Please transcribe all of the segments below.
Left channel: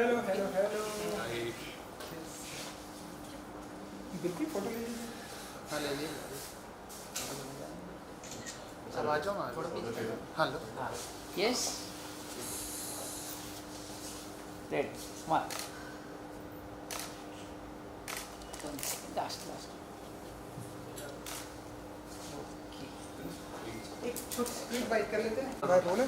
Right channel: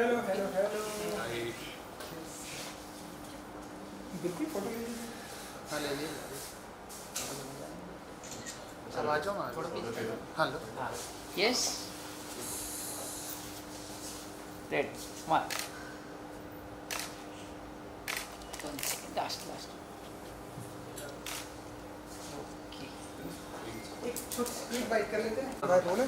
Hello hello hello. बिल्कुल photo ले लीजिए। हाँ ले लीजिए। अब आ जाओ ना। हाँ लो। Yes. Red. Smart. One second. Last. Okay. एक बाइट कर लेते हैं। बाय बोले।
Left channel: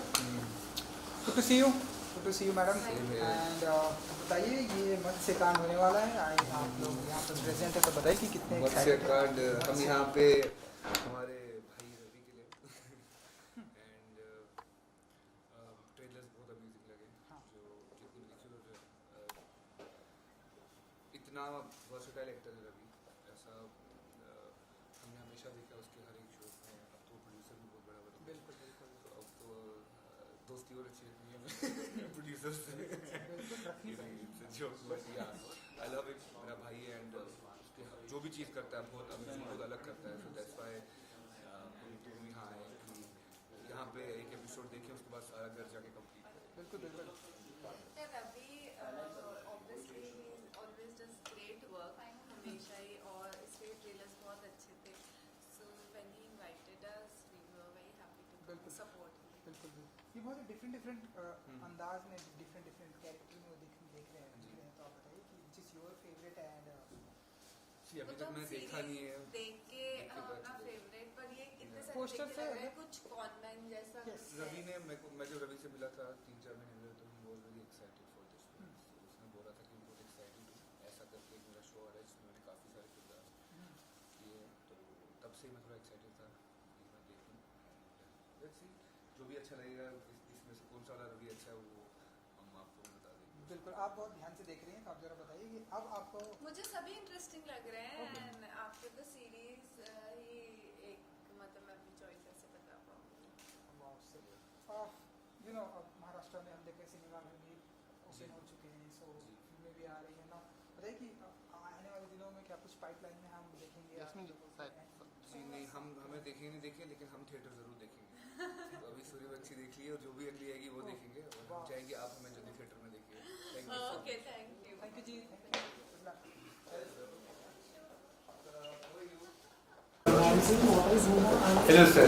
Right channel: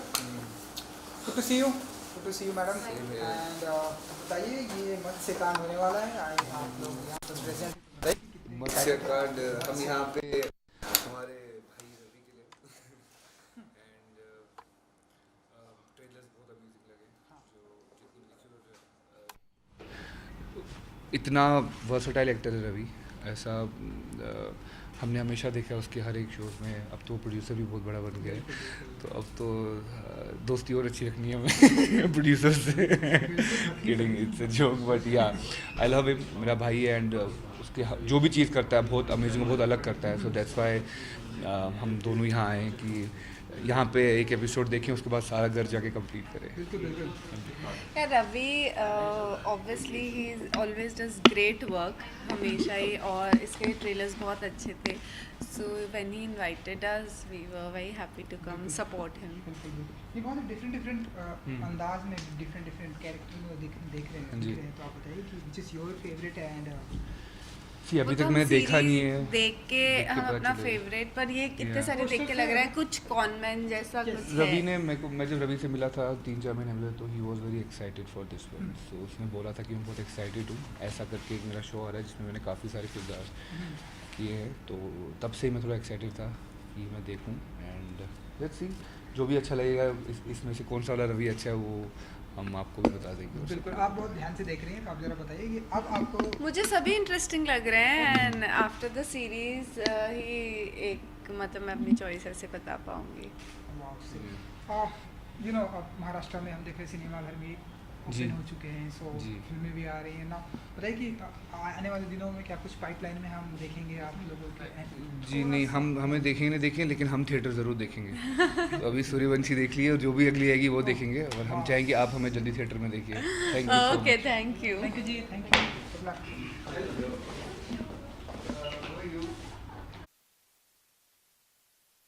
Good to see you. Good to see you madam. And बताइए ये मत्स्यकांड होने वाला है। आप लोग यहाँ पर प्रेजेंट है तो बताइए कि कितने मत्स्यकांड हम यहाँ पे हमारे भाई रवि के लिए एंड ट्रेलर्स बहुत अमेजिंग लगे जो जिनको लिखे और इतना वर्सटाइल एक्टर है रवि। ऐसा हमने हमेशा देखा उसके हर एक शोज में। अब तो प्रोड्यूसर भी बहुत बड़ा बन गया है, तो अब तो दोस्ती और अच्छी रखनी है हमें प्रोड्यूसर से। Kidding, it's a joke but या आई लव हिम। मेरा भाई है एंड उसके जो भी चीज़ करता है बहुत अमेजिंग, बहुत अलग करता है। सो दैट्स वाई हम दोनों यहाँ आए हैं कि यहाँ पे एक एपिसोड देखें, उसके बाद सारा घर जाके कंप्लीट करें। Yeah, Ravi, obviously he always does great work, हमेशा ही, और इसके ट्रेलर्स बहुत अच्छे थे. So when he invited us, we were very happy to come support him. ये बहुत डिफरेंट अंदाज में डिफरेंट कैरेक्टर में देख रहे हैं। तो आप बताइए कि which is your favorite and अभी तक मैंने देखा नहीं है। देख के हम पता अपना चलेगा। फेवरेट, पर ये कितने Yeah. सारे देख के लग रहा है कुछ कॉनमेंट जैसा कुछ है. रवि ने मैं जब रवि से मिला था 3-4 महीने पहले, तो he was very excited for this one. So उसने बोला था कि मैं बहुत एक्साइटेड हूँ। ऐसा करके एक मेरा शो आ रहा है जिसमें मैंने काफ़ी सारे किरदार किए हैं, तो तब से ही मैं थोड़ा एक्साइटेड था कि मैं देखूँ। एंड लेट्स सी, जो भी अच्छा लगेगा इसमें से कौन सा वाला रवि अच्छा है वो हम आपको भी बता देंगे। बिल्कुल। आप बहुत ध्यान से देख रही हैं, तो आप जरा बताइए कि अब आपको मुझे सभी इंटरेस्टिंग लग रहे हैं. एंड आफ्टर द सीरीज ही एक, मतलब मैं अपनी चॉइस ऐसे बता पाऊंगी. यू नो अब महाराष्ट्र में हम देख रहे हैं सिनेमा घर भी जी। ओपन हो चुके हैं, सो जी। फिल्में भी आ रही हैं ना। बताइए कि आने वाले दिनों में क्या कुछ पाइपलाइन में हम देखेंगे आप लोगों के? जी नहीं, हमें देखेंगे नहीं देखेंगे, लेकिन हम थिएटर ज़रूर देखेंगे। तो अभी सूर्यवंशी देख लिए और जो भी अगली आएगी वो देखेंगे, और हम चाहेंगे आप हमें जल्दी थिएटर में देखिए। Thank you so okay, much. Thank you. Thank you जी, thank you. Good luck. Hello sir.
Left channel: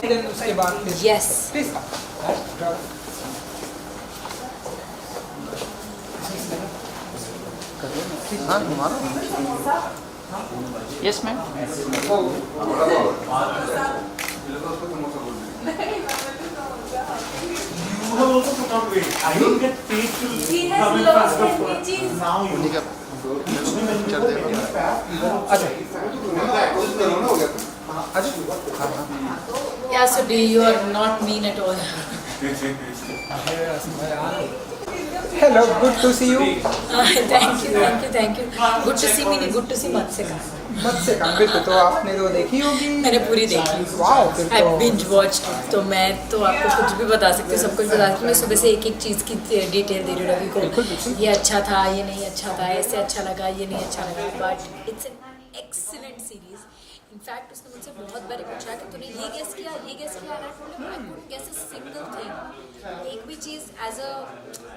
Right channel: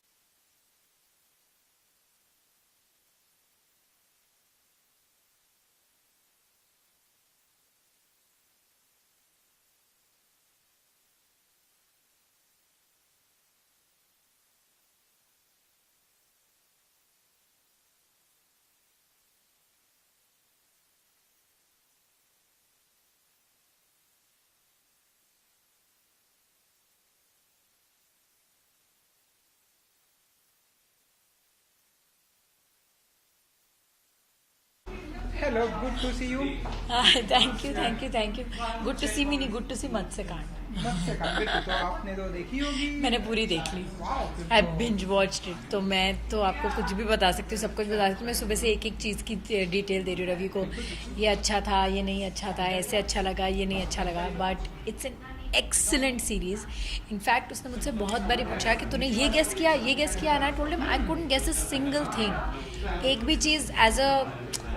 Then उसके बाद फिर Yes. प्लीज हाँ घुमा लो। Yes, ma'am. उन्हीं का पिक्चर देखो। Yeah, so you are not mean at all. Hello, good to see you. Thank you. Good to see me, good to see Matsuyama. मत्स्यकांड बिल्कुल, तो आपने तो देखी होगी। मैंने पूरी देखी. वाओ, फिर I तो binge watched it. तो मैं तो आपको कुछ भी बता सकती हूँ, सब कुछ बता सकती हूँ. मैं सुबह से एक चीज़ की डिटेल दे रही हूँ रवि को. ये अच्छा था, ये नहीं अच्छा था, ऐसे अच्छा लगा, ये नहीं अच्छा लगा. But it's an excellent series. In fact उसने मुझसे बहुत बारी पूछा कि तूने ये गेस किया, and I told him I couldn't guess a single thing. एक भी चीज़ एज अ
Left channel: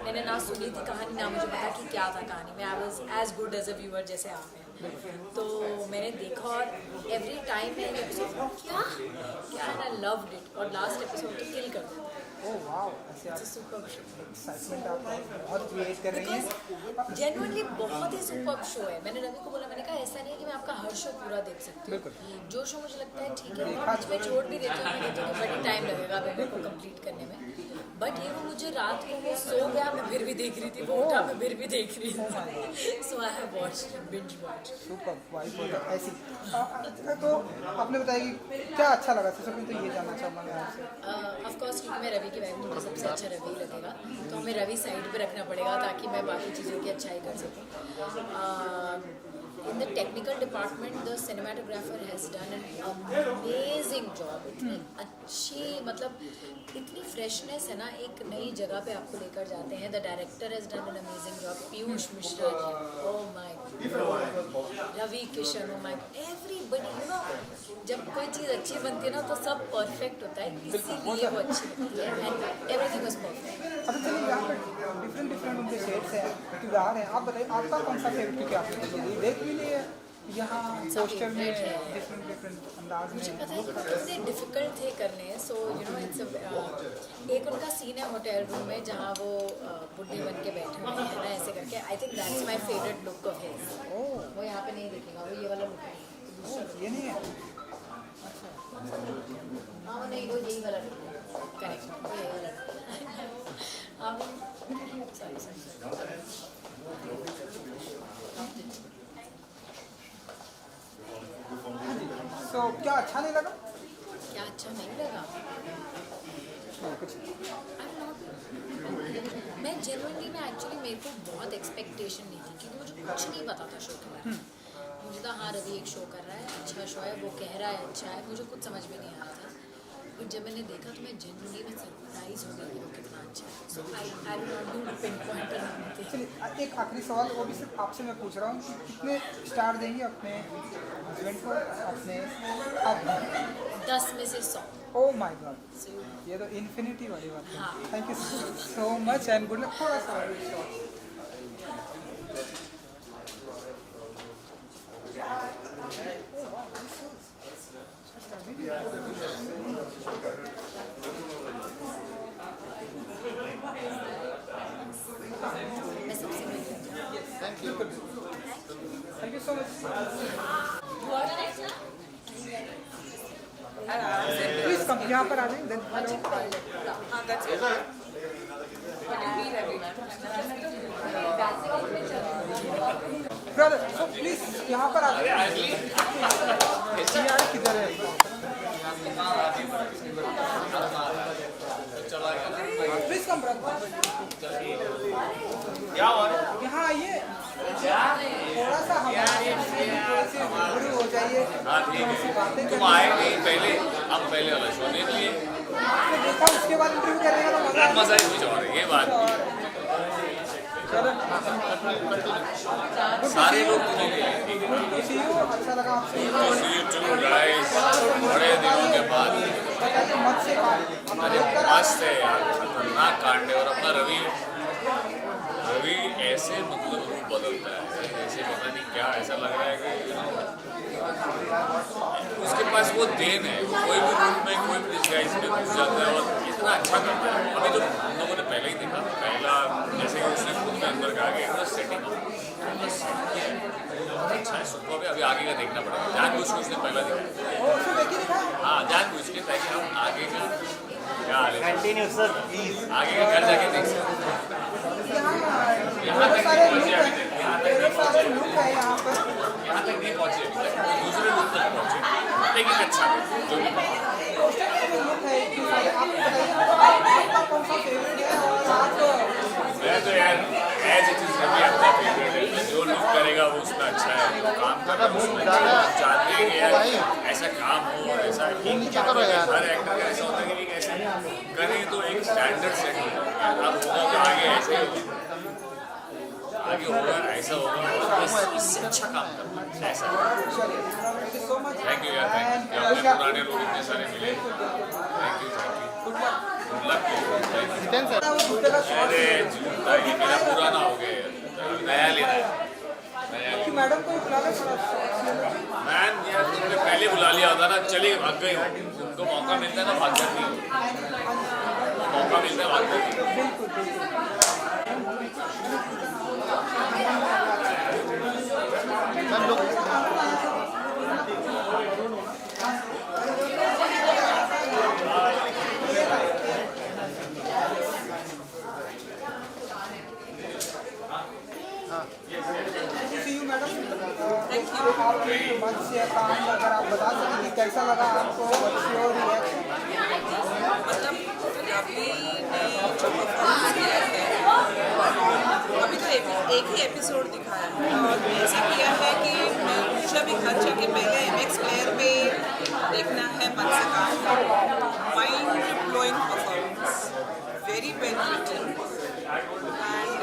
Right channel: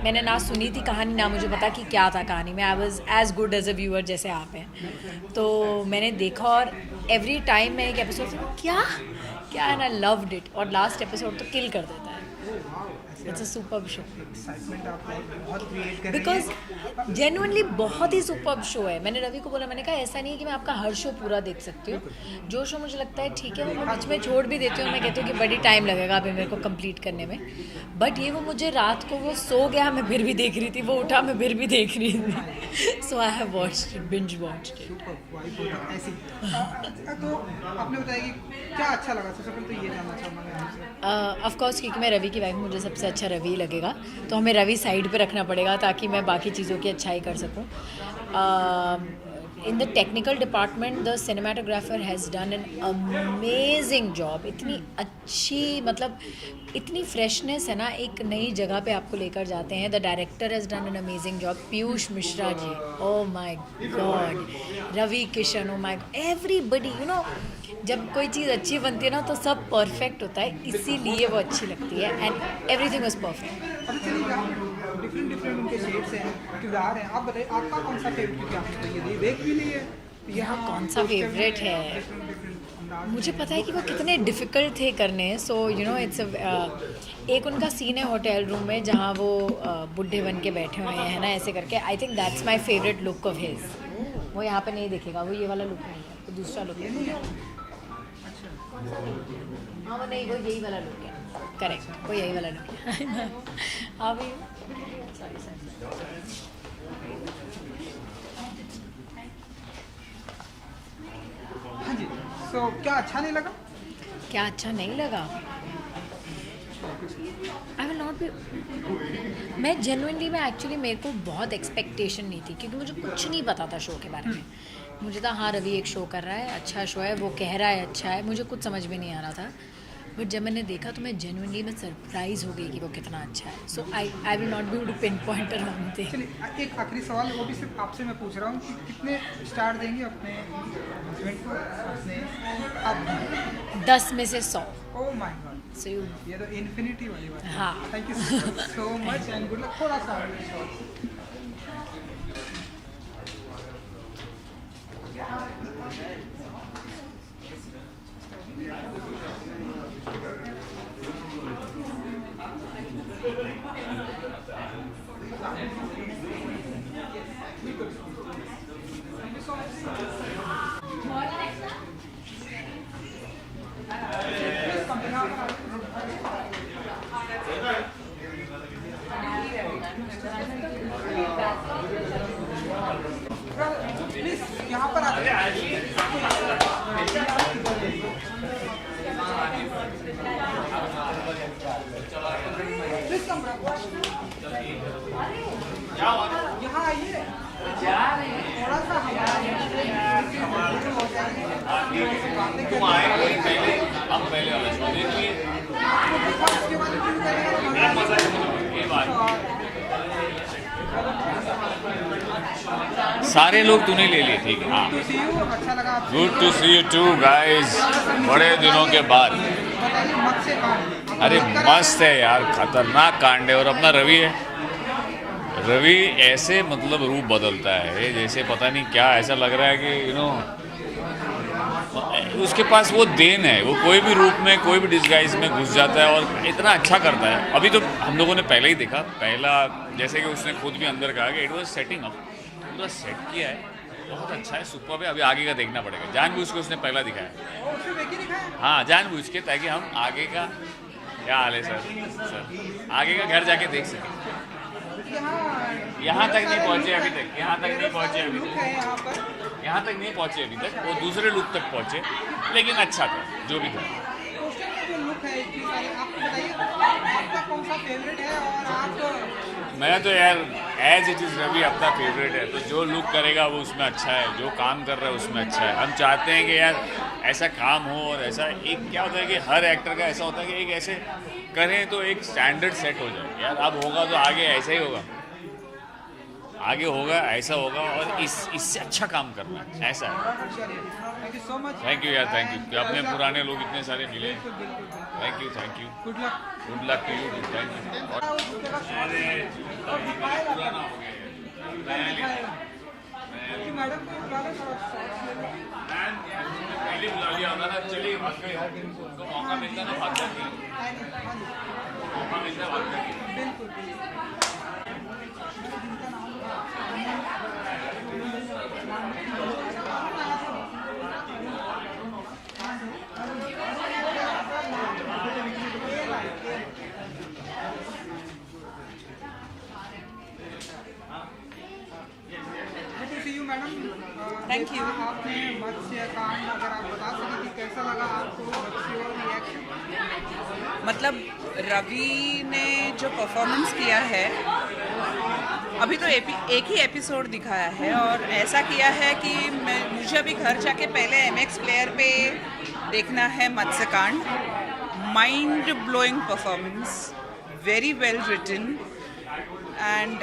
मैंने ना सुनी थी कहानी, ना मुझे पता कि क्या था कहानी में. I was as good as a viewer जैसे आप हैं. तो मैंने देखा और एवरी टाइम मैं एक एपिसोड क्या एंड आई लव्ड इट. और लास्ट एपिसोड तो किल कर देता है. इट्स अ सुपर्ब शो बहुत क्रिएट कर रही बिकॉज जेनुअनली बहुत ही सुपर्ब शो है. मैंने रवि को बोला, मैंने कहा ऐसा नहीं है कि मैं आपका हर शो पूरा देख सकती हूँ. जो शो मुझे लगता है ठीक है वो मैं बीच में छोड़ भी देती हूँ. मैं कहती हूँ कि बड़ी टाइम लगेगा अभी मेरे को कंप्लीट करने में. बट ये वो मुझे रात को वो सो गया, मैं फिर भी देख रही थी, वो उठा, मैं फिर भी देख रही थी. So I have watched it, binge watched it. ऐसी। तो आपने बताया कि क्या अच्छा लगा? सबसे पहले तो ये जानना चाहूँगा आपसे। ऑफ कोर्स क्योंकि मैं रवि की वाइफ, मुझे सबसे अच्छा रवि लगेगा, तो हमें रवि साइड पे रखना पड़ेगा ताकि मैं बाकी चीज़ों की अच्छाई कर सकूँ. In the technical department the cinematographer has done an amazing job. इतनी अच्छी, मतलब इतनी फ्रेशनेस है ना, एक नई जगह पे आपको लेकर जाते हैं. The director has done an amazing job. Piyush Mishra ji, oh my God, Ravi Kishan, oh my God, everybody, you know, जब कोई चीज़ अच्छी बनती है ना तो सब परफेक्ट होता है, इसीलिए वो अच्छी लगती है. And everything was perfect. Different different के शेड्स हैं, किरदार हैं. आप बताइए आपका कौन सा फेवरेट, क्योंकि आपने तो ये देख भी ली है. यहाँ कौन सा फेवरेट है? मुझे पता है कि वो कितने डिफ़िकल्ट थे करने. सो यू नो इट्स एक उनका सीन है होटल रूम में जहाँ वो बुढ़े बन के बैठे हुए हैं ना, ऐसे करके. आई think that's my favourite look of his. वो यहाँ पे नहीं दिखेगा, वो ये वाला लुक नहीं है, तो दूसरा लुक है. हाँ वो नहीं, वो यही वाला लुक है. करेक्ट, वो यही वाला लुक है. हाँ भाई, सॉरी. हाँ जी. तो क्या अच्छा नहीं लगा? क्या अच्छा नहीं लगा? आई विल नॉट बी. मैं जेन्युइनली, मैं एक्चुअली, मेरे को बहुत एक्सपेक्टेशन नहीं थी क्योंकि मुझे कुछ नहीं पता था शो के बारे में. मुझे था हाँ रवि एक शो कर रहा है, अच्छा शो है, वो कह रहा है अच्छा है, मुझे कुछ समझ में नहीं आ रहा था. बट जब मैंने देखा तो मैं जेन्युइनली मैं सरप्राइज हो गई कि वो कितना अच्छा है. So I will not be able to pinpoint around thing. चलिए एक आखिरी सवाल, वो भी सिर्फ आपसे मैं पूछ रहा हूँ कि कितने स्टार देंगे अपने हस्बैंड को, अपने 10 में से 100. ओह माय गॉड, सो ये तो इन्फिनिटी वाली बात. हाँ. Thank you so much and good luck. थोड़ा सा प्लीज कम यहाँ पर आ सो प्लीज यहाँ पर प्लीज कम यहाँ आइए. थोड़ा सा तुम आए नहीं पहले, अब पहले वाला शो देख लिए. उसके बाद ये बात सारे लोग तूने ले ली थी. हाँ, अच्छा लगा. Good to see you two guys, बड़े दिनों के बाद. अरे मस्त है यार, खतरनाक कांड है. और अपना रवि है, रवि ऐसे मतलब रूप बदलता है जैसे पता नहीं क्या, ऐसा लग रहा है कि यू नो उसके पास वो देन है. वो कोई भी रूप में, कोई भी डिस्गाइज में घुस जाता है और इतना अच्छा करता है. अभी तो हम लोगों ने पहले ही देखा, पहला जैसे कि उसने खुद में अंदर कहा कि इट वाज सेटिंग अप, इतना सेट किया है, बहुत अच्छा है, सुपर है. अभी आगे का देखना पड़ेगा. जानबूझ के उसने पहला दिखाया. हाँ, जानबूझ के, ताकि हम आगे का क्या हाल है सर, आगे का घर जाके देख सकते. यहाँ तक नहीं पहुँचे अभी तक, यहाँ तक नहीं पहुँचे अभी तक, यहाँ तक नहीं पहुँचे अभी तक. वो दूसरे लुक तक पहुँचे, लेकिन अच्छा था जो भी था. जो लुक है इतने सारे, आपको बताइए आपका कौन सा फेवरेट है? और आप मेरा तो यार एज इट इज़ रवि अपना फेवरेट है. तो जो लुक करेगा वो उसमें अच्छा है, जो काम कर रहा है उसमें अच्छा है. हम चाहते हैं कि यार ऐसा काम हो. और ऐसा एक क्या होता है कि हर एक्टर का ऐसा होता है कि एक ऐसे करें तो एक स्टैंडर्ड सेट हो जाए. यार अब होगा तो आगे ऐसा ही होगा, आगे होगा ऐसा होगा, और इससे अच्छा काम करना है, ऐसा है. Thank you so much. Thank you यार, थैंक यू. अपने पुराने लोग इतने सारे मिले. Thank you, thank you. Good luck. Good luck to you. अरे ये मेरा पुराना हो गया, नया लेना है. मैडम को मैम यार तुमने पहले बुला लिया होता ना, चलिए भाग गए. तो मौका मिलता है ना भाग जाती है, मौका मिलता है भाग जाती है. Thank you. आपने मत्स्य काम का अगर आप बता सकें कि कैसा लगा आपको, मतलब रवि ने जो परफॉर्मेंस किया है, अभी तो एक ही एपिसोड दिखाया है और ऐसा किया है कि मुझे अभी घर जाके पहले MX प्लेयर पे देखना है Matsyakaand. Mind blowing performance, very well written and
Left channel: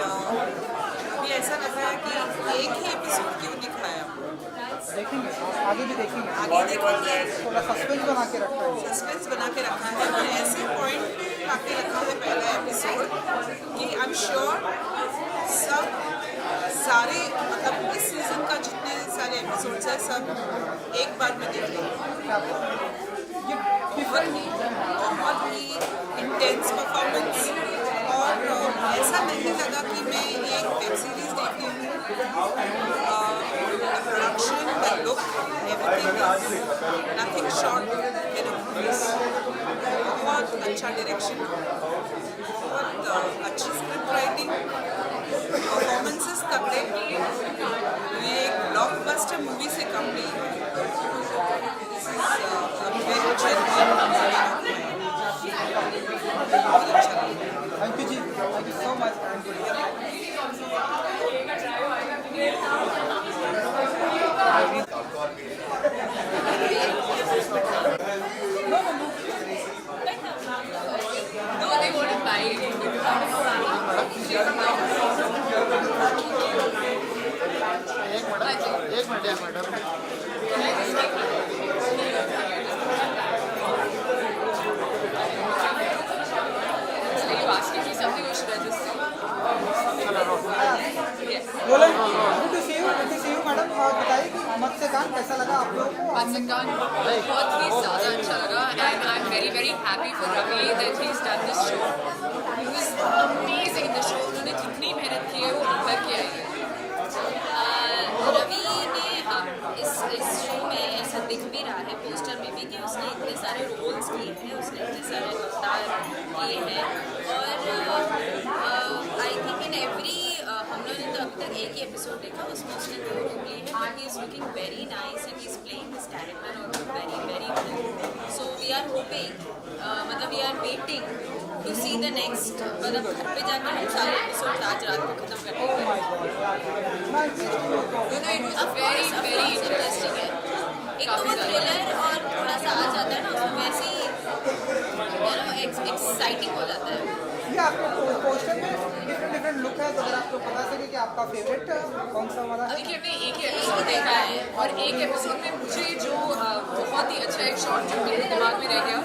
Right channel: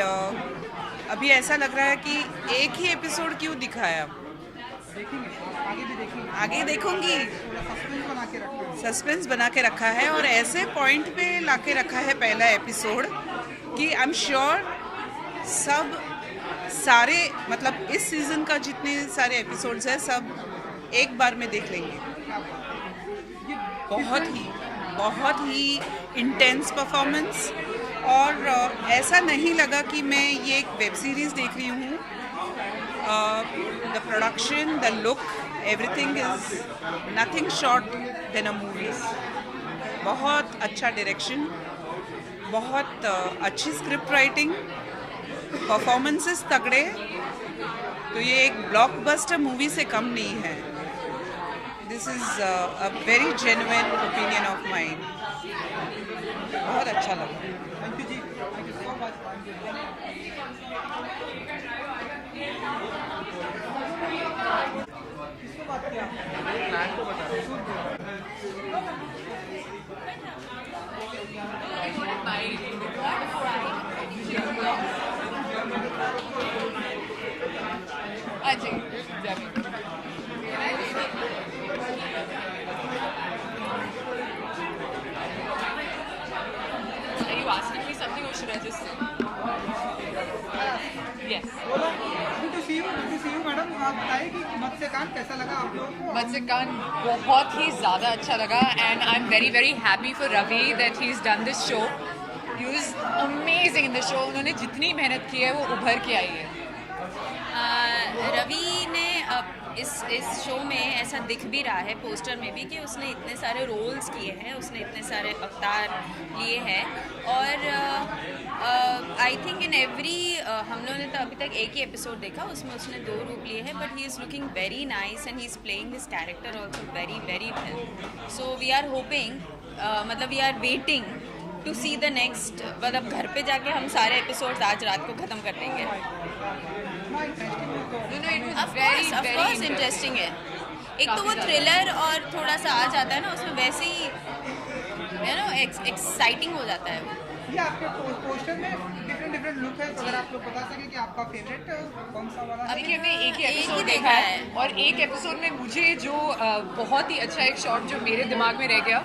अभी ऐसा लग रहा है कि एक ही एपिसोड क्यों दिखाया, आगे भी देखेंगे, आगे देखूंगी। थोड़ा सस्पेंस बना के रखा है। सस्पेंस बना के रखा है और ऐसे पॉइंट पे लाके रखा है पहला एपिसोड कि आई एम श्योर सब सारे मतलब इस सीजन का जितने सारे एपिसोड्स हैं सब एक बार में देख लेंगे। बहुत ही इंटेंस परफॉर्मेंस और ऐसा नहीं लगा कि मैं ये एक वेब सीरीज देख रही हूँ। The production, the look, everything is nothing short than a movies. बहुत अच्छा डायरेक्शन, बहुत अच्छी स्क्रिप्ट राइटिंग, परफॉर्मेंसेस तगड़े, तो ये एक ब्लॉकबस्टर मूवी से कम नहीं है। This is a very genuine opinion of mind. बहुत अच्छा लगा। थैंक यू जी, थैंक यू सो मच। एक मिनट या मैडम। बोलो, good to see you madam. और बताइए कि मत से कान कैसा लगा आप लोग? Matsukan बहुत ही ज़्यादा अच्छा लगा and I'm very very happy for Ravi that he's done this show. He was amazing in the show. उन्होंने जितनी मेहनत की है वो उभर के आई है। रवि ने अब इस शो में ऐसा दिख भी रहा है पोस्टर में भी कि उसने इतने सारे रोल्स किए हैं, उसने इतने सारे अवतार लिए हैं और आई थिंक इन एवरी हम लोगों ने तो अभी तक एक ही एपिसोड देखा, उसमें उसने 2 रूप लिए हैं, but he is looking very nice and he is playing this character also very very well. So we are hoping, मतलब we are waiting to see the next, मतलब घर पे जाके हम सारे एपिसोड आज रात को ख़त्म कर देंगे। वेरी इंटरेस्टिंग है। एक तो वो थ्रिलर और थोड़ा सा आ जाता है ना उसमें, वैसे ही एक्साइटिंग हो जाता है। ये आपको पोस्टर में डिफरेंट लुक है, तो अगर आप लोग बता सके कि आपका फेवरेट कौन सा वाला है? देखिए हमने एक ही एपिसोड देखा है और एक एपिसोड में मुझे जो बहुत ही अच्छा एक शॉट जो मेरे दिमाग में रह गया,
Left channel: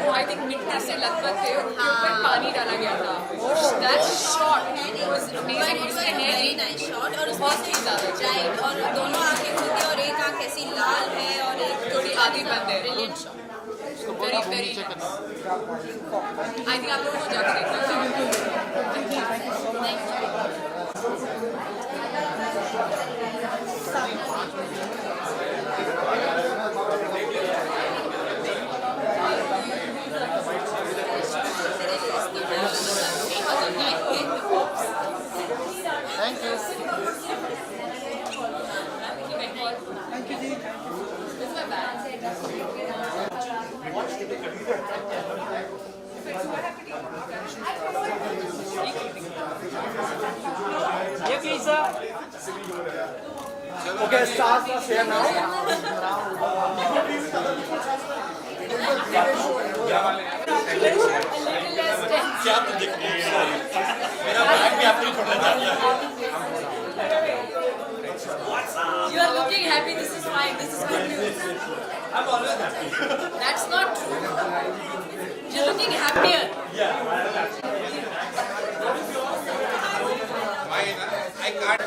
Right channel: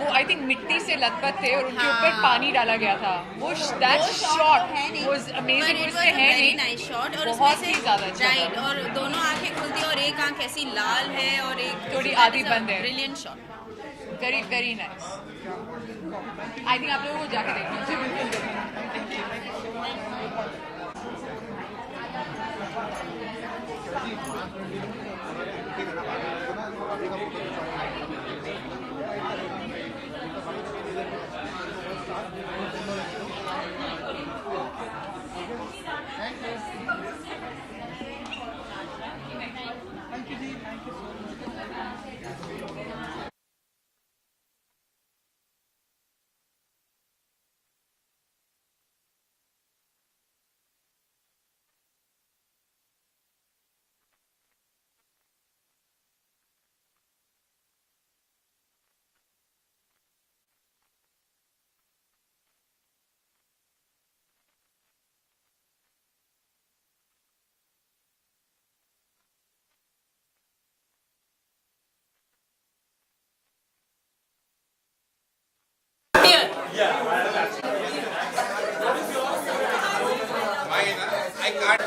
वो आई थिंक मिट्टी से लथपथ थे और उनके ऊपर पानी डाला गया था, वो दैट शॉट वाज अमेजिंग। उसमें है वेरी नाइस शॉट और बहुत ही ज़्यादा राइट, और दोनों आंखें खुलती और एक आंख ऐसी लाल है और एक थोड़ी आधी बंद है। Brilliant shot, very very nice. I think आप लोगों को जाकर देखना चाहिए। Okay, start here now. You are looking happy. This is fine. This is good news. I'm always happy. That's not true. You're looking happier. I can't.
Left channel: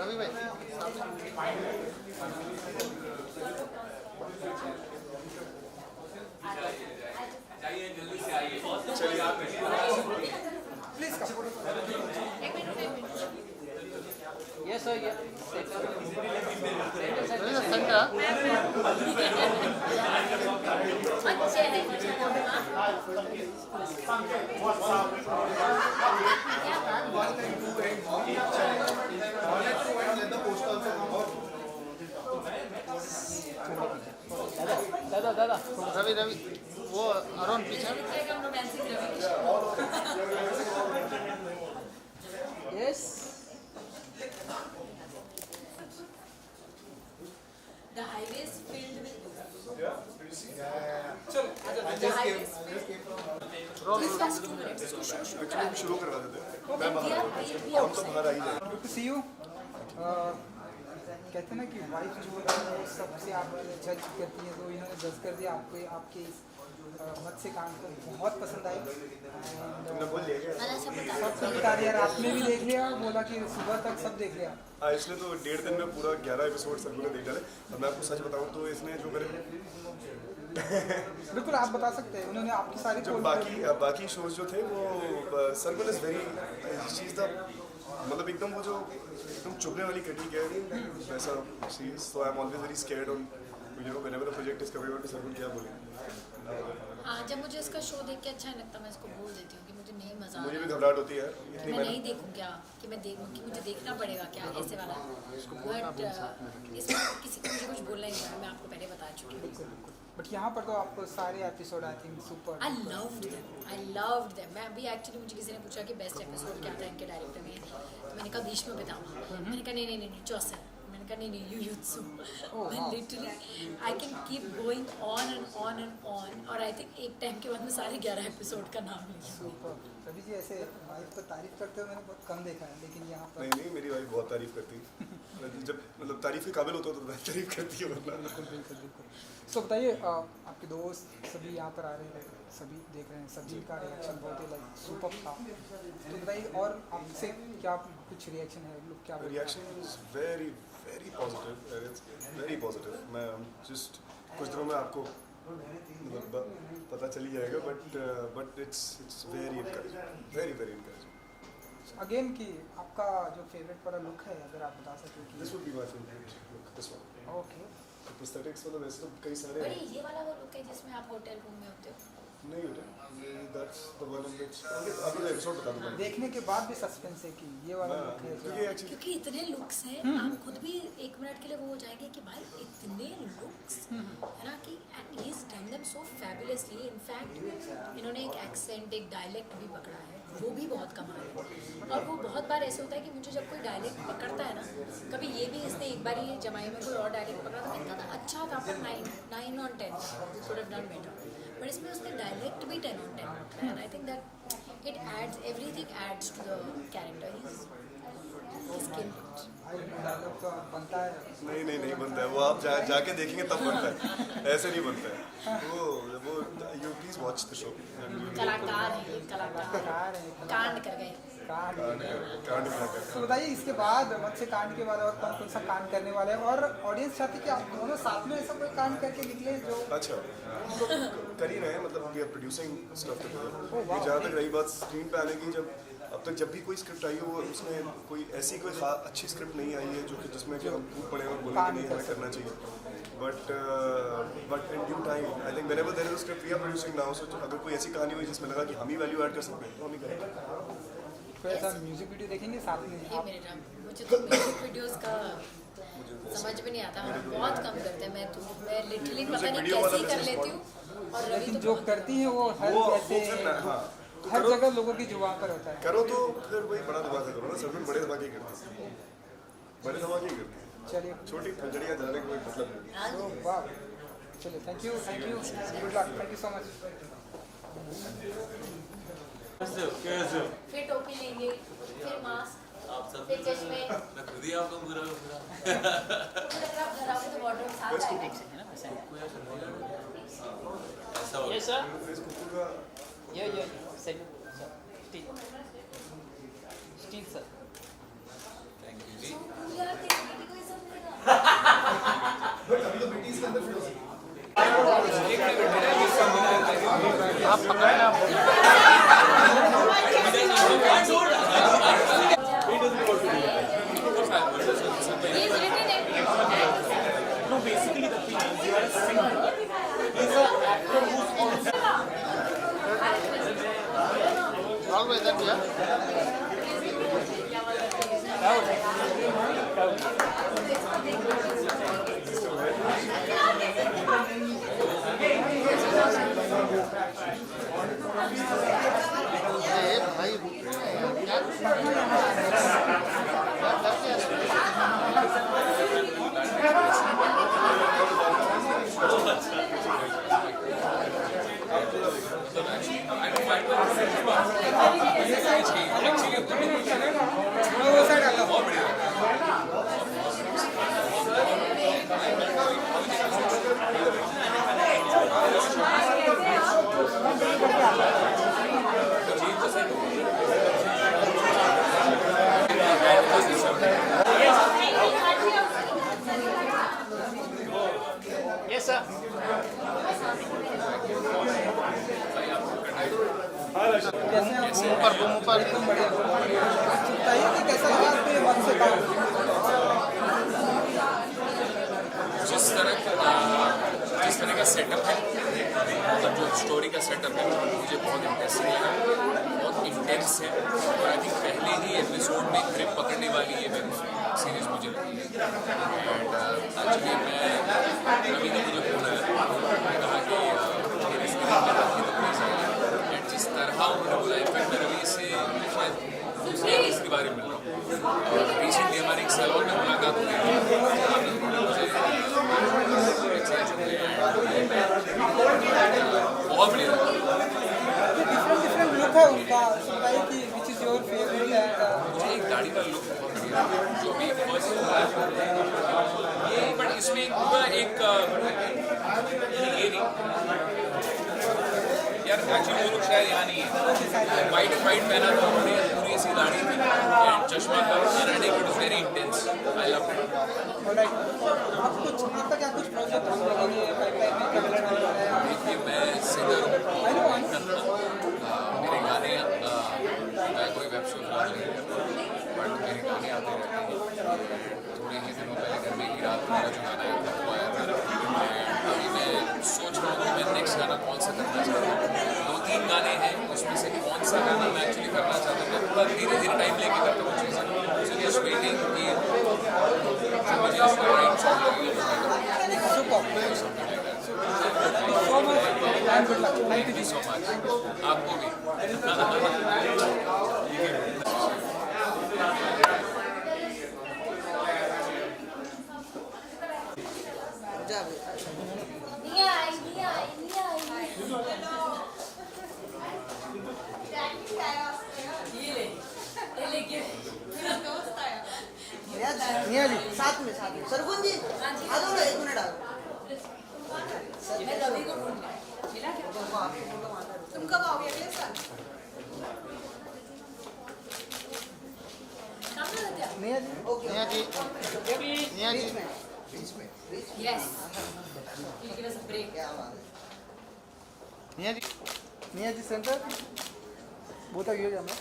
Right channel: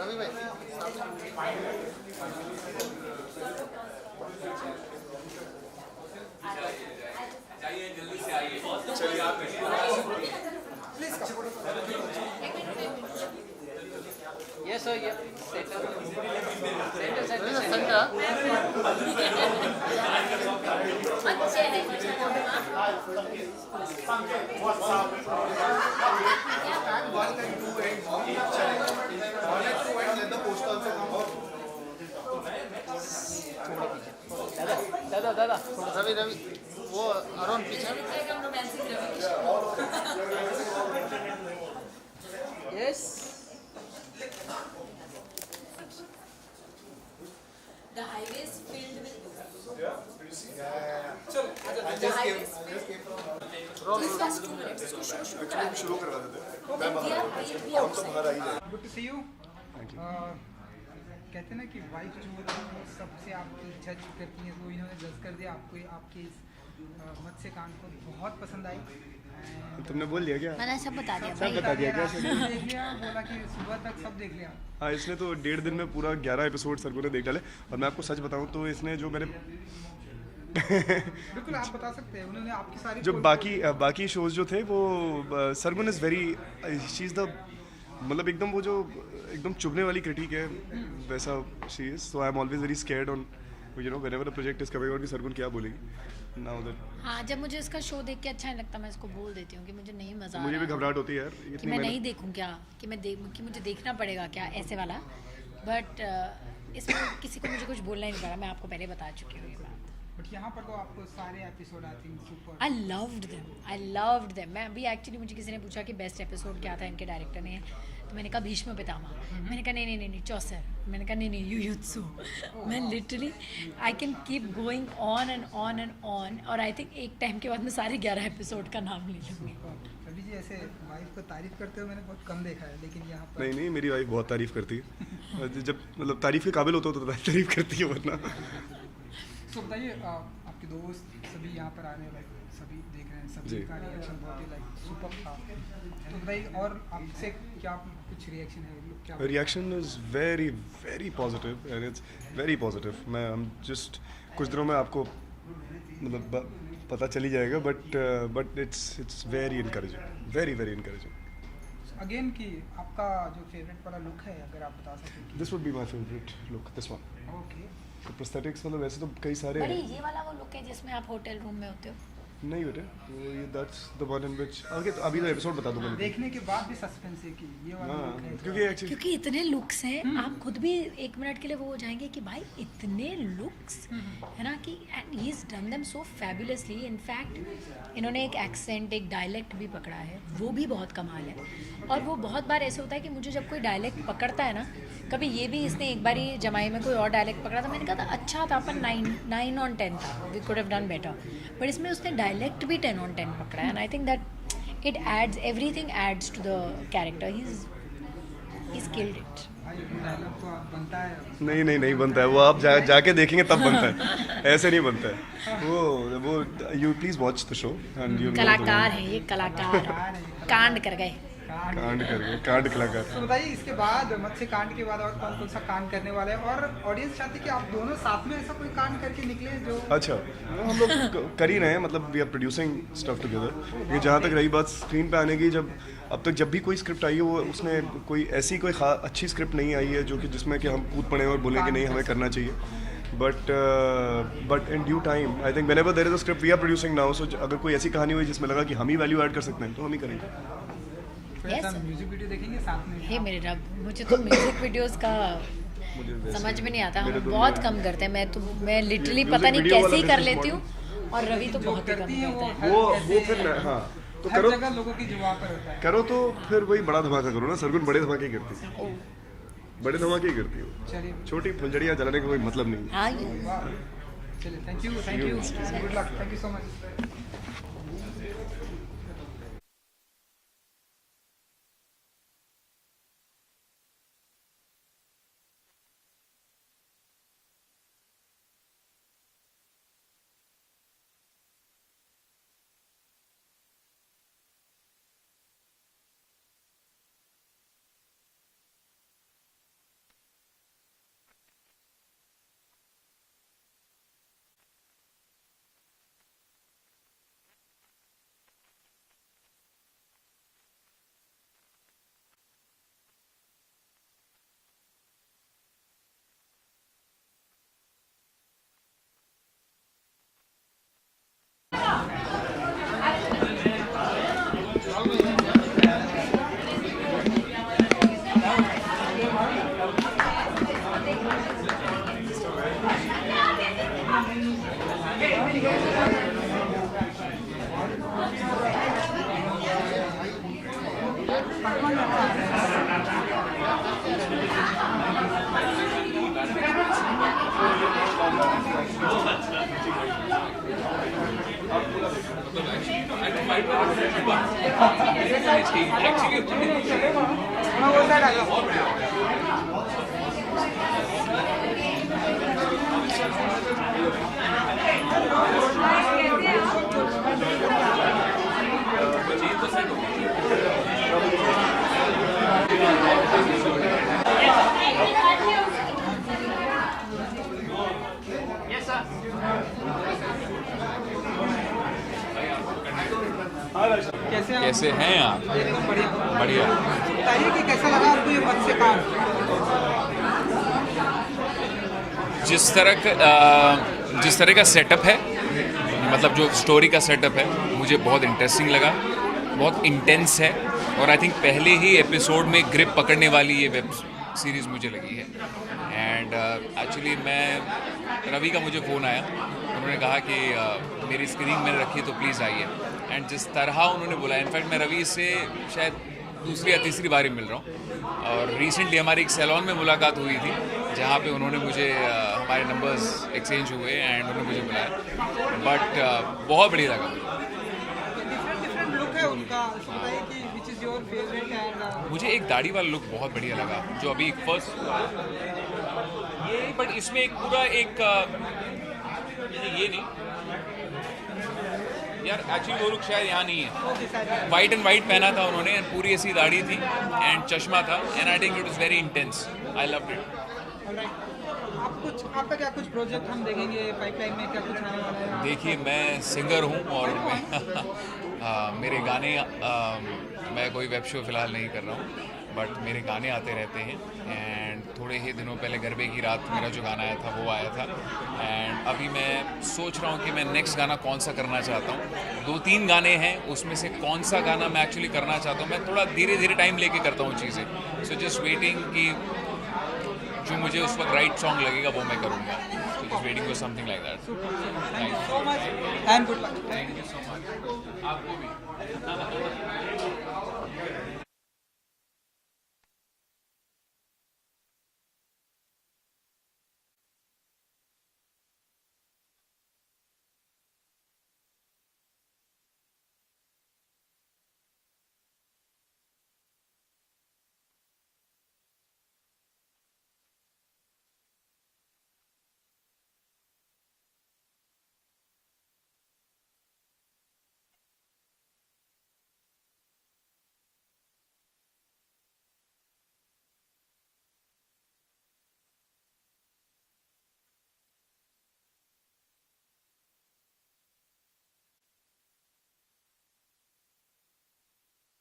Ravi भाई Yes sir, yeah. Center. Centre अच्छे हैं। दादा रवि रवि वो अरुण पीछे yes The highway is filled with चलो the highway is just 2 minutes. इसको शुरू करा देते शुरू करवा देते हैं हैं। मैं बाहर We हम तो बाहर आ ही जाए गुड टू सी यू कहते हैं ना कि वाइफ जो है वो सबसे आप जज करती है, तो इन्होंने जज कर दिया आपको, आपके इस मत से काम को बहुत पसंद आई। तुमने बोल दिया क्या? मैंने सब बता दिया। सब बता दिया क्या? देख लिया, बोला कि सुबह तक सब देख लिया। हाँ, इसने तो 1.5 दिन में पूरा 11 एपिसोड सर ने देख डाले। और मैं आपको सच बताऊँ तो इसने जो मेरे बिल्कुल आप बता सकते हैं, उन्होंने आपकी सारी जो बाकी शोज जो थे वो Sargun is very she is the मतलब एकदम वो जो एकदम चुभने वाली क्रिटिक है वैसा she is. So I am always very scared on you know whenever the project is coming और भी सरगुन क्या बोलेगी ना उधर। हाँ, जब मुझे इसका शो देख के अच्छा नहीं लगता मैं इसको बोल देती हूँ कि मुझे नहीं मजा आ रहा। मुझे भी घबराहट होती है यार कि इतनी मैं मैंने नहीं देखूँ क्या, कि मैं देखूँ कि मुझे देखना पड़ेगा क्या ऐसे वाला। बट इसमें किसी को मुझे कुछ बोलना ही नहीं पड़ा, मैं आपको पहले बता चुकी हूँ। बट यहाँ पर तो आपको सारे episode I think super. I loved them. मैं अभी एक्चुअली मुझे किसी ने पूछा कि बेस्ट एपिसोड क्या था इनके डायरेक्टर ने, तो मैंने कहा भीष्म पितामह, मैंने कहा नहीं चौसर, मैंने कहा नहीं युयुत्सु। मैं literally I can keep going on and on and on. और आई थिंक एक टाइम के बाद मैं सारे 11 एपिसोड का नाम ले लूँगी। रवि जी ऐसे वाइफ को तारीफ करते हुए मैंने बहुत कम देखा है, लेकिन यहाँ पर नहीं मेरी वाइफ बहुत तारीफ करती है। जब मतलब तारीफ के काबिल होता तो तारीफ करती है, वरना तो बताइए आपके दोस्त सभी यहाँ पर आ रहे हैं, सभी देख रहे हैं, सभी का रिएक्शन बहुत सुपर था। तो भाई और आपसे क्या कुछ रिएक्शन है? क्या reaction is very very positive and it's very positive. मैं जस्ट कुछ दिनों में आपको मतलब पता चल ही जाएगा, but it's very encouraging, very very encouraging. Again कि आपका जो फेवरेट वाला लुक है अगर आप बता सकें। This would be my favourite look, this one. Okay, prosthetics मतलब वैसे तो कई सारे बड़ी हैं। ये वाला वो लुक है जिसमें आप होटल रूम में होते हो। नहीं बेटे, that's the one in which okay तो अभी तो एपिसोड बता दूंगा। देखने के बाद भी सस्पेंस है कि ये वाला हाँ, look है। क्योंकि एक्चुअली क्योंकि इतने लुक्स हैं, आप खुद भी 1 मिनट के लिए वो हो जाएंगे कि भाई इतने लुक्स है ना, कि and he is done them so fabulously. In fact इन्होंने एक एक्सेंट, एक डायलेक्ट भी पकड़ा है, वो भी बहुत कमाल है। और वो बहुत बार ऐसे होता है कि मुझे जब कोई डायलेक्ट पकड़ता है ना, कभी ये भी इसने एक बार ही जमाई में कोई और डायलेक्ट पकड़ा था, मैंने कहा था अच्छा था पर 9 on 10 था, we could have done better. But इसमें उसने डायलेक्ट भी 10 on 10 पकड़ा है, and I think that it adds, everything adds to the character. He is killed it. Dialogue तो बनता है। नहीं बनता है वो, आप जाके देखेंगे तब बनता है, ऐसे नहीं बनता है वो you please watch the show and you कलाकार हैं ये, कलाकार कांड कर गए। कांड कलाकार। तो बताइए इसके बाद मत्स्य कांड के बाद और कौन सा कांड करने वाला है, और ऑडियंस चाहती है कि आप दोनों साथ में ऐसा कोई कांड करके निकले जो अच्छा हम लोग कर ही रहे हैं, मतलब we are producing stuff together. ये जहाँ तक रही बात स्क्रीन पे आने की, अब तक जब भी कोई स्क्रिप्ट आई है वो उसमें कोई ऐसी कोई अच्छी स्क्रिप्ट नहीं आई है जो कि जिसमें कि हम कूद पड़े और बोलें कि नहीं हमें करना चाहिए। But in due time I think whenever there is a script we are producing now, so अगर कोई ऐसी कहानी हुई जिसमें लगा कि हम ही वैल्यू ऐड कर सकते हैं तो हम ही करेंगे। म्यूजिक वीडियो देखेंगे साथ में। हे मेरे रब, मुझे तो म्यूजिक वीडियोस का समझ में नहीं आता, हम बहुत कम करते हैं। मैं लिटरली पता नहीं कैसे ही कर लेती हूँ, और रवि तो बहुत ही कम करता है। वो फिर हाँ तो हर करो जगह लोगों की जुबान पर होता है। करो तो फिर वही बड़ा धमाका करो ना। सरगुन बड़े धमाके ही करती है, बड़े धमाके ही करती है, चलिए छोटी फुलझड़ियाँ जलाने का कोई मतलब नहीं। हाँ चलिए, thank you thank you so much. फिर टोपी लेंगे, फिर मास्क, फिर चश्मे। मैं खुद ही आपको बुरा घर आओगे तो वार्डरोब साथ आएगा। Yes, sir. Yeah. Steel, sir. Thank you ji. आप पकड़ना हाँ वो साइड आगा Yes, sir. कैसे हैं आप? बढ़िया। बताइए कि कैसा लगा आपको ये वक्त से काम? जिस तरह का सेटअप है, मतलब जो स्टोरी का सेटअप है, मुझे बहुत इंटरेस्टिंग लगा, बहुत इंटेंस है और आई थिंक पहले ही एपिसोड में ग्रिप पकड़ने वाली ये वेब सीरीज़ मुझे लगी है। एंड एक्चुअली रवि का मुझे फ़ोन आया, उन्होंने कहा कि मेरी स्क्रीन में रखी तो प्लीज़ आइए। एंड जिस तरह उन्होंने बोला, इनफैक्ट मैं रवि से शायद दूसरी या तीसरी बार ही मिल रहा हूँ और रिसेंटली हमारी एक सैलून में मुलाकात हुई थी जहाँ पे उन्होंने मुझे हमारे नंबर्स एक्सचेंज हुए एंड मुझे मिले, बट बहुत बढ़िया लगा। डिफरेंट लुक है उनका, बताइए कि which is your favourite? And मुझे एक दाढ़ी वाला लुक बहुत बढ़िया लगा, जो अभी फर्स्ट ये, बट इसमें एक पूरा एक ये नहीं यार, एक्चुअली वो लुक शायद यहाँ नहीं है। वाइट एंड वाइट पहना था उन्होंने, पूरी ऐसी दाढ़ी थी एंड चश्मा था and I think it was very intense, I loved it. आपका क्या कुछ प्रोजेक्ट हम देखेंगे पाइपलाइन में, क्या कुछ? देखिए, मैं सिंगर हूँ और मेरे गाने मैं कोई वेब शो फिलहाल नहीं कर रहा हूँ, बट मेरे गाने आते रहते हैं। एंड थोड़े ही दिनों पहले गरबे की रात मेरा जो गाना आया था वो आया था। एंड अभी मैं सोच रहा हूँ कि मैं नेक्स्ट गाना कौन सा करना चाहता हूँ। 2-3 गाने हैं, उसमें से कौन सा गाना मैं एक्चुअली करना चाहता हूँ। मैं थोड़ा धीरे धीरे टाइम लेके करता हूँ चीज़ें, सो जस्ट वेटिंग कि जो मुझे उस वक्त राइट सॉन्ग लगेगा वो मैं करूँगा। Waiting for something like that. Thank you so much and good luck. Thank you so much. आपको भी। निया जी साथ में सरगुन जी आ जाओ ना, 1 मिनट आ जाओ। तुम कब आओगे अगले साल? निया जी निया जी, निया जी, Yes. He'll give us a break. निया जी, निया जी सेंटर वो तक ये जाना।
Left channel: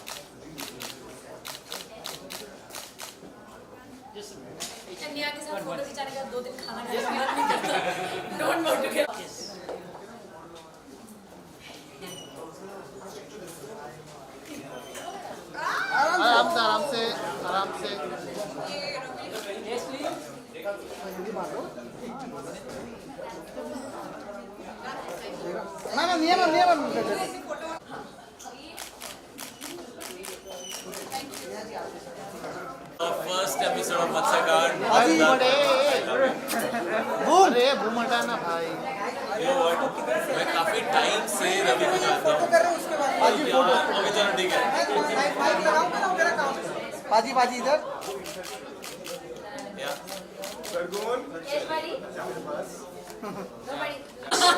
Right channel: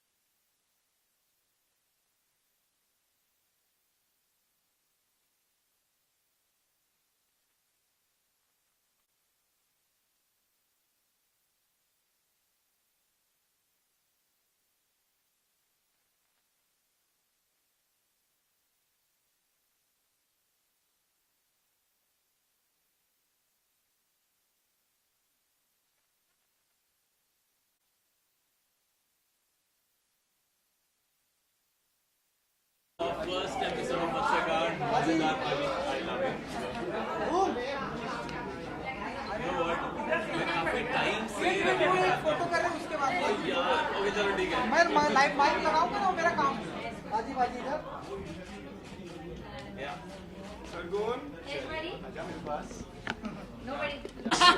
निया के साथ फोटो खिंचाने के बाद 2 दिन खाना खाने का मन नहीं करता। Don't want to get. आराम से। ना निया फर्स्ट एपिसोड ऑफ मत्स्यकांड। अरे भूमंडा ना भाई, मैं काफी टाइम से रवि को जानता फोटो कर रहे हो उसके बाद बाजी हूँ। अभी चलो ठीक है। मैं माइक लगाऊंगा ना मेरा काम। बाजी इधर।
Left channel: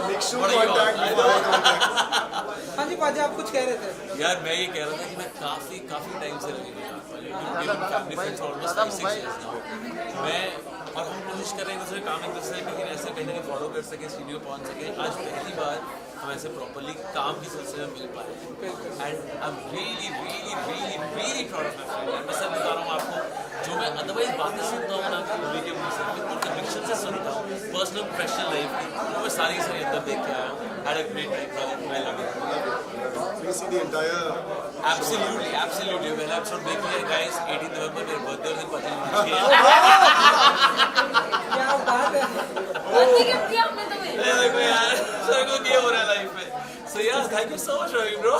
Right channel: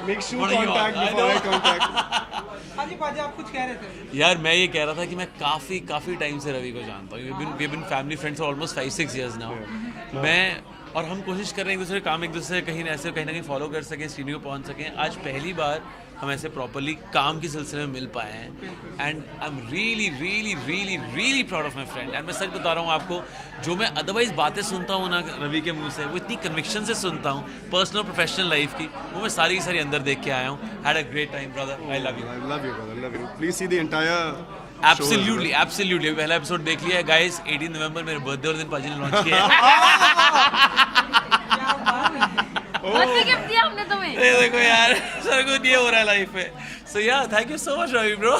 Make sure contact before I contact. हाँ जी बाजी, आप कुछ कह रहे थे? यार मैं ये कह रहा था कि मैं काफ़ी टाइम से रवि को जानता हूँ। We been family friends almost 5-6 years now. मैं और हम कोशिश कर रहे हैं एक दूसरे काम एक दूसरे कहीं ना कहीं फॉलो कर सकें, स्टूडियो पहुँच सकें। आज पहली बार हम ऐसे प्रॉपरली काम के सिलसिले में मिल पाए हैं and I am really proud of my friend. And मैं सच बता रहा हूँ आपको, जो मैं अदरवाइज बातें सुनता हूँ ना रवि के मुंह से, वो इतनी कन्विक्शन से सुनता हूँ पर्सनल प्रोफेशनल लाइफ की, वो मैं सारी की सारी अंदर देख के आया हूँ। Had a great time brother, I love you. Please see the entire absolutely पहला एपिसोड देख लिया है गाइस। 18 नवंबर मेरे बर्थडे और दिन पाजी ने लॉन्च किया है। ये देखो यार, सर को ये हो रहा है लाइफ में। So yeah, thank you so much Ravi bro.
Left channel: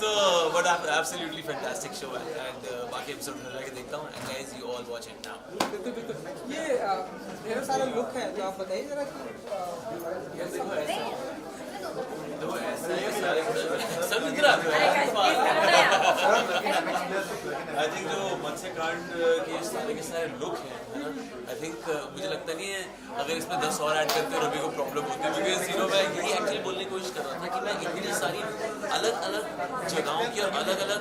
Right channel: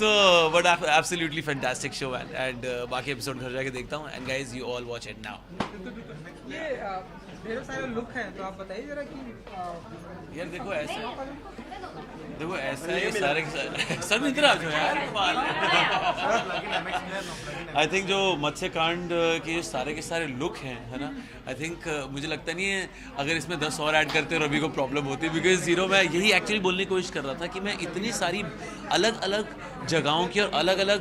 So but absolutely fantastic show and बाकी एपिसोड घर जाके देखता हूँ and guys you all watch it now. ये ढेर सारे लुक हैं तो आप बताइए जरा कि यार देखो ऐसे देखो ऐसा है कि सारे सब इधर आ जाओ आई थिंक जो मत्स्यकांड के सारे लुक हैं, है ना, आई थिंक मुझे लगता नहीं है अगर इसमें 10 और ऐड करते रवि को प्रॉब्लम होती, बिकॉज मैं यही एक्चुअली बोलने की कोशिश कर रहा था कि मैं इतनी सारी अलग अलग जगहों की और अलग अलग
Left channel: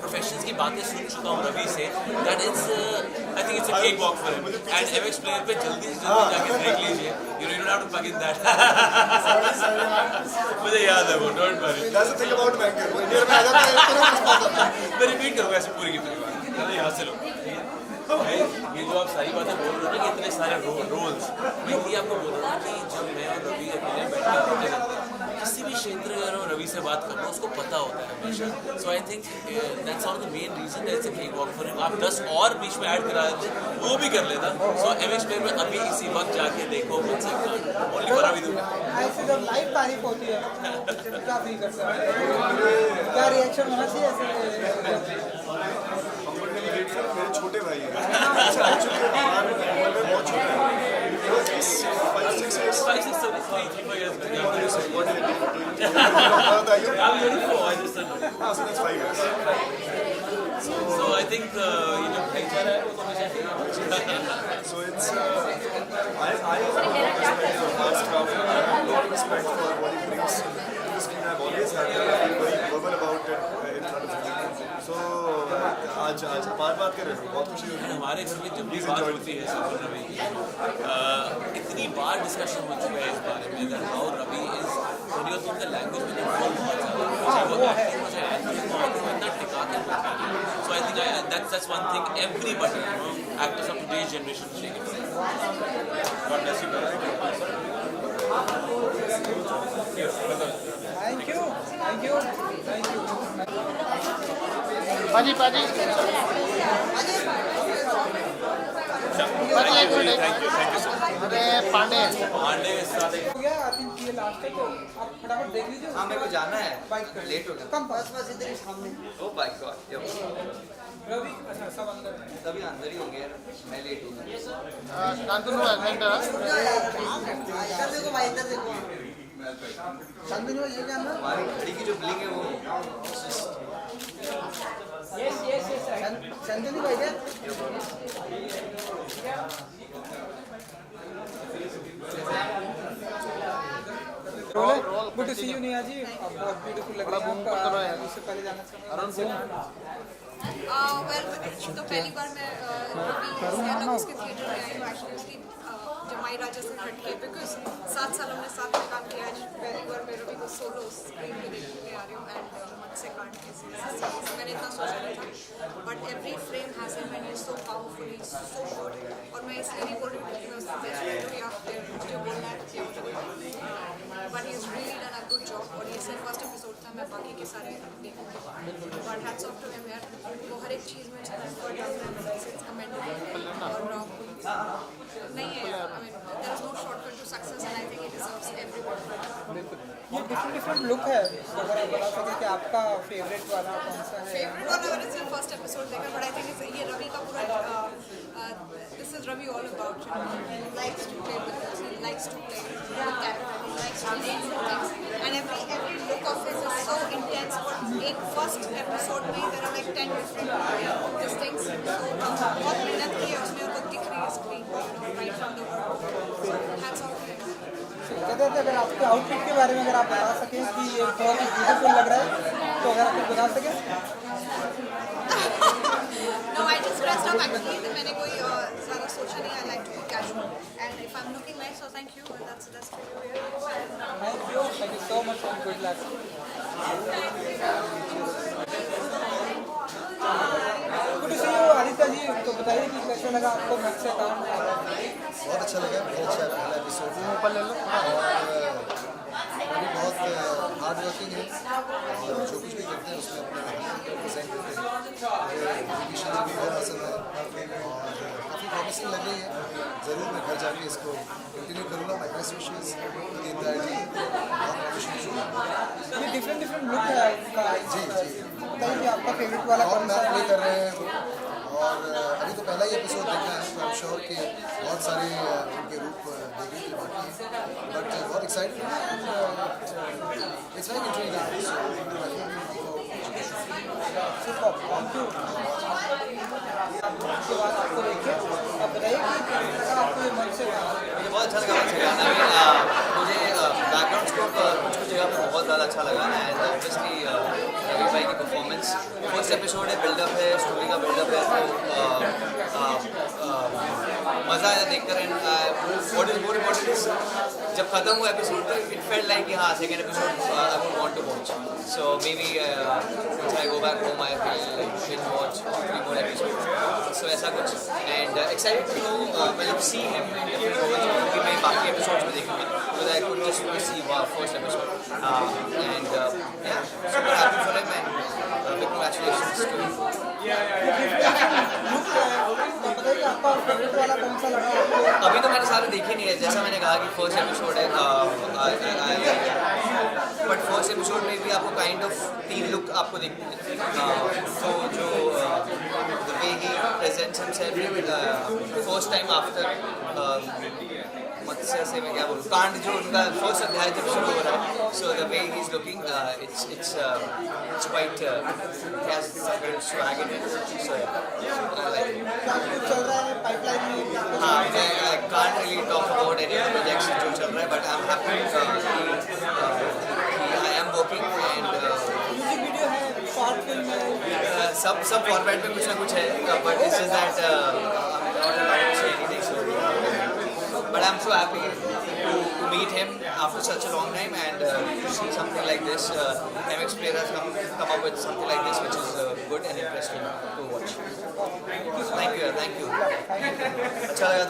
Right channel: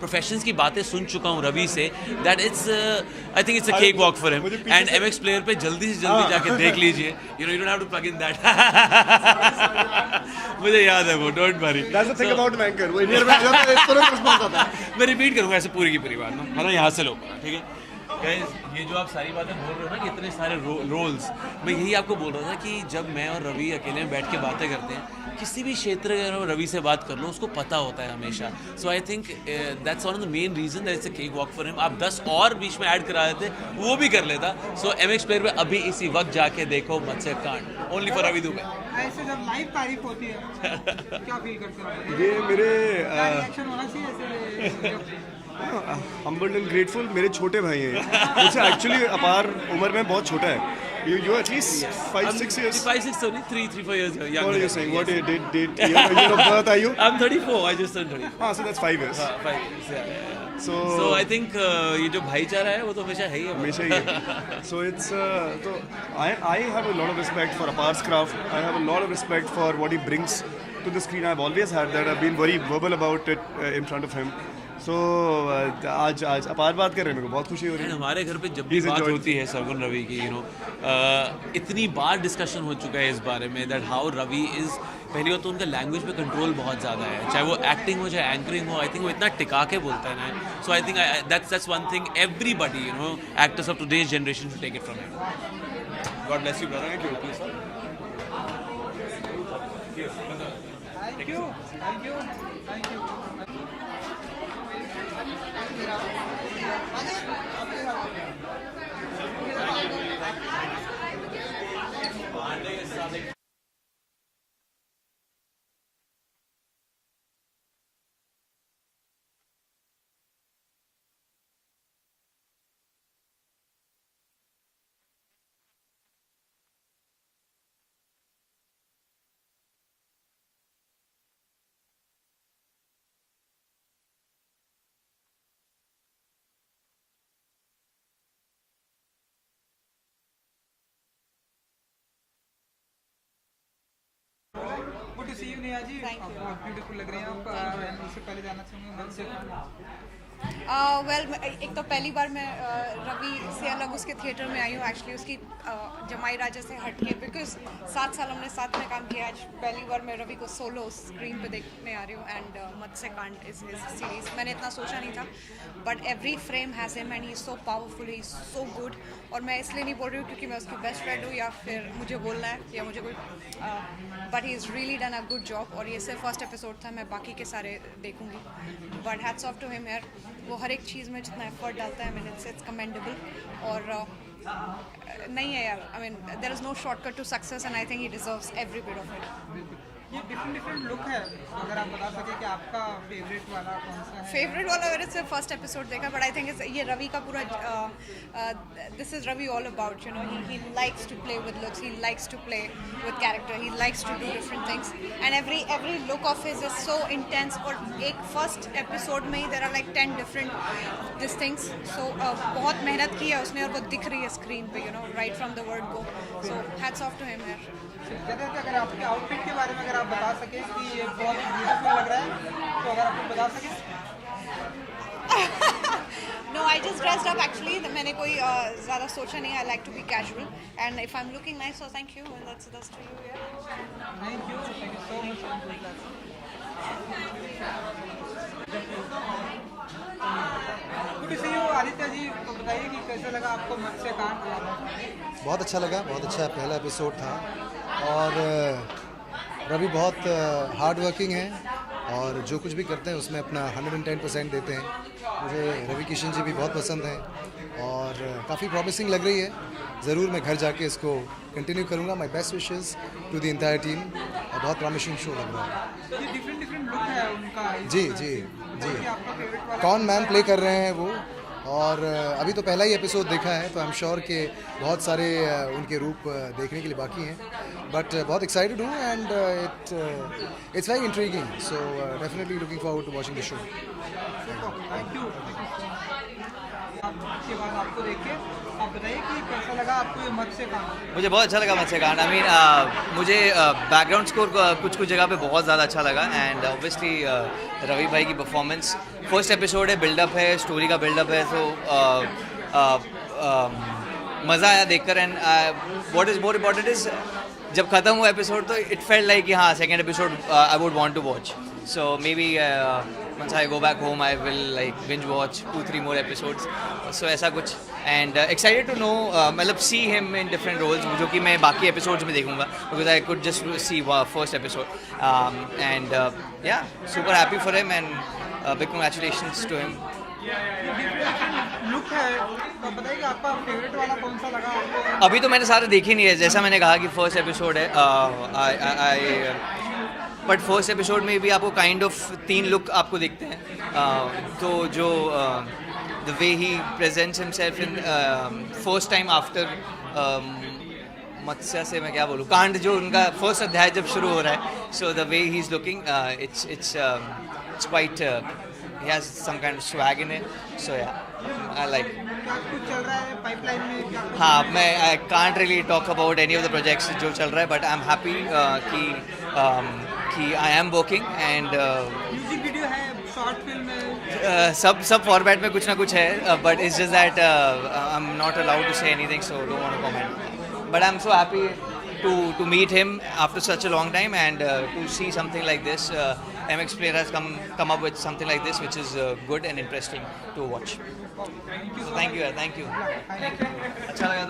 प्रोफेशंस की बातें सुन चुका हूँ रवि से, that it's I think it's a cake walk for him. And MX player पे जल्दी से जल्दी जाके देख लीजिए, you don't have to plug in that. मुझे याद है वो, don't worry. That's the thing about banker, वो इंडिया में आ जाता है एक तरफ रिस्पॉन्स आता है। मैं रिपीट करूँगा ऐसे पूरी की पूरी बात, है ना, यहाँ से लो, ठीक है। ये जो आप सारी बातें बोल रहे हो ना कि इतने सारे रोल्स, मैं यही आपको बोल रहा था कि जब मैं और रवि अकेले बैठ के बातें करते हैं, किसी भी क्षेत्र में रवि से बात कर लो उसको पता होता है हमेशा। So I think that's one of the main reason that it's a cake walk for him. आप 10 और बीच में ऐड करा देते वो भी कर लेता। सो MX प्लेयर में अभी इसी वक्त जाके देखो मत्स्यकांड, ओनली फॉर रवि दुबे। ऐसे जब लाइव तारीफ होती है क्या फील करते हैं? क्या रिएक्शन होना चाहिए ऐसे? Humbled and grateful. मेरे छोटे भाई हैं, मुझसे एक्चुअली अपार उम्र में बहुत छोटा है, you at least 5-6 years. 5-6 sorry 3-4 years ago. What do you say? What did year of birth are you? I'm 34. I just turned 30. हाँ, so that's 5 years. So I think ये जो भाईचारा है वो तो हमेशा है ही, हमेशा ही है। So it's I have a lot of respect for Apar's craft. I have a lot of respect for what he brings to the screen. I've always had that. I've been very verbal about it in front of him. So आज अपार बात कर रहे हैं, मेरे को बहुत खुशी हो रही है। हमारे घर पे जब भी बात होती है सरगुन रवि की, इतनी बार डिस्कशन हो चुका है इस बारे में दैट हाउ रवि इज, पहली बात तो उनका लैंग्वेज में कंट्रोल बहुत ज़्यादा है, चाहे वो एक्टिंग हो चाहे एंकरिंग हो, आई थिंक वो इतना टिका के बोलते हैं। So I think that's one thing everybody actors of today's generation to take it from him. God bless you brother. Thank you. पाजी एक मिनट, अरे पांडे हो गया, आई थिंक ये लास्ट है, तो आप फटाफट देख लीजिए। हाँ मेरे को जाना है, बाइक कर लेट हो गया। कम बस इधर ही सामने। ओ माय गॉड, रवि अच्छा सब अंदर है। तभी अंदर ही होंगे, मैं लेट हो गया। शांतनु सेंटर देखो भाई, इधर देखो। शांतनु ये क्या है? हमारी घड़ी की जो ब्लिंग है वो शांतनु भाई क्या? Good to see you Neha ji, बहुत ब्यूटीफुल लग रही है आप। इससे पहले जाना चाहूँगा वेल एक तो पहली बार मैं रवि से अलग उसके थिएटर में आई हूँ, एक्चुअली उसकी जमाई राजा से हट के, बिकॉज 7 साल हमने साथ में काम किया। आज पहली बार मैं रवि को सोलो स्क्रीन पे देखने आ रही हूँ एंड मत्स्यकांड के सीरीज मैंने इतना सोचा नहीं था, but every frame has him and he is so powerful, he is so good. और मैं इसलिए नहीं बोल रही हूँ क्योंकि मैं उसकी बेस्ट फ्रेंड हूँ या फिर मुझे बोलना है या मुझे कोई, but he is really done a good job. और ये सिर्फ फर्स्ट एपिसोड था, मैं बाकी के सारे देखूँगी, but hats off to him यार, वो हर एक चीज़ में जितना एफर्ट डालता है मेरे से, इट्स कमेंडेबल। और नहीं है, I mean there is no shortcut to success and I think he deserves every bit of it. ये डिफरेंट लुक है, तो अगर आप बता सकें कि आपका फेवरेट वाला कौन सा है? फेवरेट वाला मैंने सिर्फ फर्स्ट एपिसोड देखा, बट आई थिंक ये रवि का पूरा this is Ravi all about, you know, he likes to play with looks, he likes to play with character, he likes to do different things and every look of his is so intense. और एक first episode में ही there are like 10 different this things, so बहुत मेहनत की है उसने और वो दिख रही है स्क्रीन पे, you know, right from the word. So hats off to him. जगह अगर आपके आउटफिट के बारे में अगर आप बता सकें कि ये बहुत ब्यूटीफुल लग रहा है, तो अगर आप बता सकें। No, I just dressed up actually. मैंने कोई ज़्यादा सोचा नहीं. I like to be casual, and if I'm looking nice, so thank you, and that's for you. Thank you so much and good luck. Good to see you, Aditya ji. तो बताइए कि कैसा लगा आपको मत्स्यकांड? बहुत अच्छा लगा, बहुत अच्छा पहला एपिसोड था और रवि बहुत हार्ड वर्किंग है और जो कुछ भी करते हैं उसमें अपना 110% देते हैं। मुझे रवि किशन जी भी बहुत पसंद है और काफ़ी प्रॉमिसिंग लग रही है। ज़रूर मैं घर जाके इसको कंटिन्यू करूँगा। My best wishes to the entire team. बहुत प्रॉमिसिंग शो लग रहा है। ये डिफरेंट लुक है उनका। जी जी बताइए आपका फेवरेट वाला कौन मैन प्ले कर रहे हैं वो, और अभी तो पहला ही एपिसोड देखा है, तो आई एम श्योर कि बहुत सारे उनके रूप देखने के लिए बाकी हैं, बट बहुत एक्साइटेड हूँ and it's very intriguing, so definitely looking forward to watching the show. Thank you. के बाद आपको देखे आप बताइए कि कैसा लगा आपको ये मन से काम? मुझे बहुत अच्छा लगा मन से गाना। आई मीन मुझे बैकग्राउंड स्कोर कुछ जगह पे बहुत ज़्यादा अच्छा लगा एंड ऑब्वियसली रवि भाई की परफॉर्मेंस, फर्स्ट एपिसोड है, बिल्डअप है, स्टोरी का बिल्डअप है, तो मज़ा आया देखकर। And what is more important is जब ख़त्म हुआ एपिसोड तो इट फेल्ट लाइक कि हाँ second episode I would want to watch, so maybe once I go back home I will like binge watch 2-3 more episodes, so ऐसा कुछ। and excited to know मतलब see him in different roles जो कि मैं बाकी episodes में देखूंगा, because I could just see first episode and yeah, super happy for him and big congratulations to him। Look है तो बताइए आपका फेवरेट वाला कौन सा लगा आपको? अभी तो मैंने सारे देखे नहीं है, जैसा मैंने कहा कि फर्स्ट एपिसोड है, बट फर्स्ट एपिसोड में भी आपको काइंड ऑफ 3 लुक आपको दिखते हैं, तो जो the way he presents himself in first time after Matsya से मैं क्या बोलूँ, कांड जो उनका फर्स्ट अध्याय जब शुरू हो रहा है, so the way he is looking it's quite he has some kind of swag in it, so yeah, I like it। क्या कुछ चल रहा है पाइपलाइन में? हाँ, मैं I can't really talk about any of the projects जो चल रहा है, but I'm happy कि I am working and music video है, शॉर्ट फिल्म है, सब फॉर्मेट में कुछ ना कुछ है, but it's just that I'm not allowed to say anything, so but I'm so happy to meet him after such a long time and to see something like this. MX Player has come up with something like this, which is good and interesting to watch. Thank you, thank you। अच्छा लगा।